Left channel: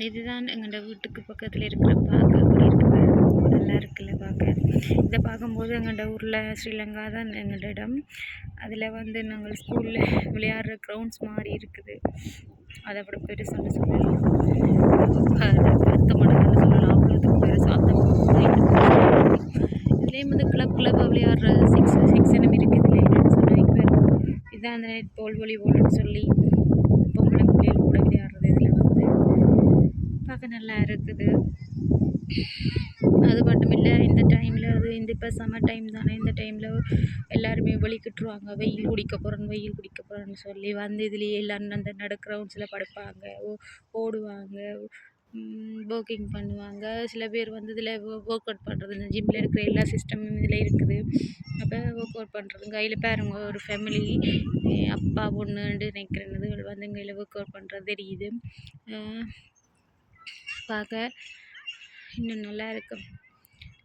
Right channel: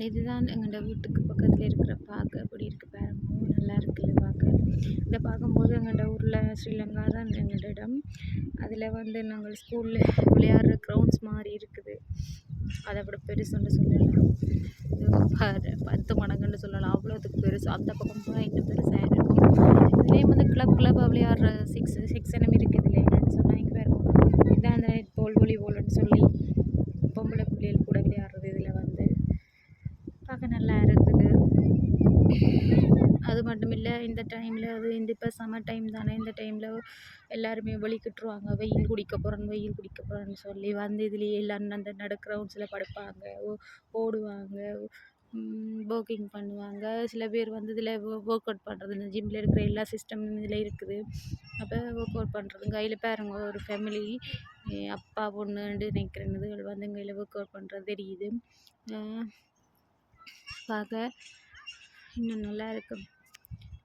இதுதான் எங்களோட வீட்டுக்கு பக்கத்தில் இருக்கிற பார்க்க குடியிருக்கு பாருங்க. ரொம்ப நல்லா இருக்குல்ல பார்க்க. இதை பார்க்கும்போது எங்களோட ஊரில் ஸ்ரீலங்கா தான் எங்களோட இடம். அதில் வந்து நாங்கள் ஸ்கூலில் விளையாடுற க்ரௌண்ட்ஸ் மாதிரி இருக்குது. அதை விட பெருசுன்னு சொல்லலாம். 10 மடங்குன்னு சொல்லலாம். அவ்வளோதுக்கு பெருசு. அந்த பக்கம் இந்த பக்கம் இதுலேயும் வந்து கிளப்பாக விளையாடுற செக்ஷனும் இருக்குது. இல்லை என்னென்னு சொன்னாங்க. இதுதான் அந்த நெட் பால் வாலிபால்னு சொல்லி பொம்பளை பிள்ளைகள் கூட விளையாடுறது. இதில் வந்து பார்க்க நல்லா இருக்குது. அது மட்டும் இல்லை, இந்த டைமில் இப்போ சம்மர் டைம் தானே. இந்த டைமில் எல்லாருமே வெளிக்கிட்டுருவாங்க. வெயில் குடிக்க போகிறேன்னு சொல்லி வந்து இதுலேயே எல்லாம் அந்த கிரவுண்ட்ஸில் படுப்பாங்க, ஓடுவாங்க, வாக்கிங் பண்ணுவாங்க. சில பேர் வந்து இதில் ஒர்க் அவுட் பண்ணுறது, இந்த ஜிம்மில் இருக்கிற எல்லா சிஸ்டமும் இதில் இருக்குது. அப்போ ஒர்க் அவுட் பண்ணுறது கையில் பாருங்க, ஒரு ஃபேமிலி அப்பா பொண்ணுன்னு நினைக்கிறேன் வந்து கையில் ஒர்க் அவுட் பண்ணுறது தெரியுது. பார்க்க இன்னும் நல்லா இருக்கும்.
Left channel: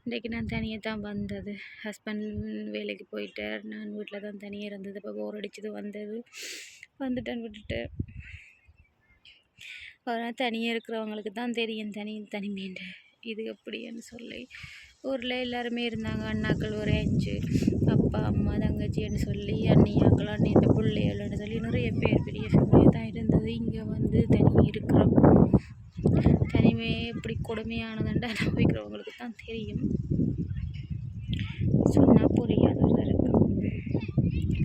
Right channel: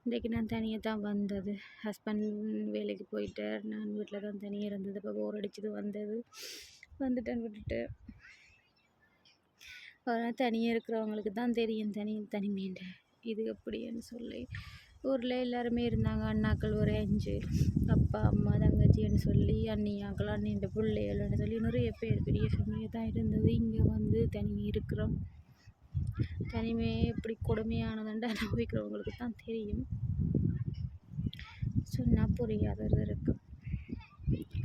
இன்றைக்கி நான் தனியாக தான் வந்தது. ஹஸ்பண்ட் வேலைக்கு போயிட்டார். நான் வீட்டில் தான் தனியாக இருந்தது. இப்போ போர் அடிச்சது வந்துட்டேன் விட்டுட்டு. அதனால் தனியாக இருக்கிறவங்களுக்கு தான் தெரியும் தனிமைன்ற இது எப்படின்னு சொல்லி. ஊரில் எல்லாருமே இருந்தாங்க. அண்ணாக்கள் ஒரு 5, அப்பா அம்மா தங்கச்சின்னு சொல்லி அண்ணியாக்கள் அண்ணியோட பிள்ளைகள்னு சொல்லி நிறைய பேர் பெரிய ஃபேமிலியாக தான் இருந்தது. இங்கே வந்து தனியாக இருக்கிறோம். தனிமை எப்படி கொடுமையானதுன்ட்டு அனுபவிக்கிறவங்களுக்கு தான் தெரியும். சொன்னால் புரியாதது இருக்கும்.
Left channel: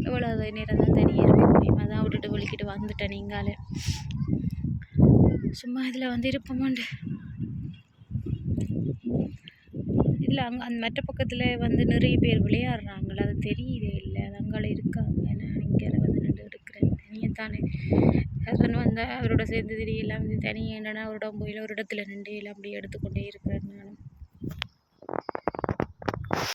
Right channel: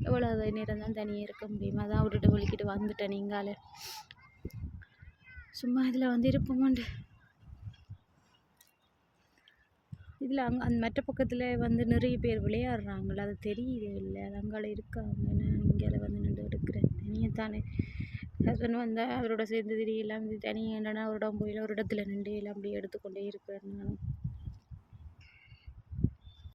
எவ்வளோ நேரம் தான் தனியாக இருக்க முடியும். அதான் விட்டுட்டு ஒழிக்கிட்டு வந்துட்டேன். நீங்களே சும்மா இதில் வந்து இருப்போமாண்டு. இதில் அந்த மற்ற பக்கத்தில் வந்து நிறைய பேர் விளையாடுறாங்களே, அது தெரியுதே இல்லை. அது அங்கால இருக்காங்க. நான் இங்கே வந்து நின்று இருக்கிறேன். தனியாக தானே. ஹஸ்பண்ட் வந்தால் அவரோட சேர்ந்து திடீர் எல்லாம் தனியாக என்னென்னா ஒரு இடம் போயில ஒரு இடத்துல நின்று எல்லாம் அப்படியே எடுத்துக்கொண்டே இருக்கிறேன் நானும்.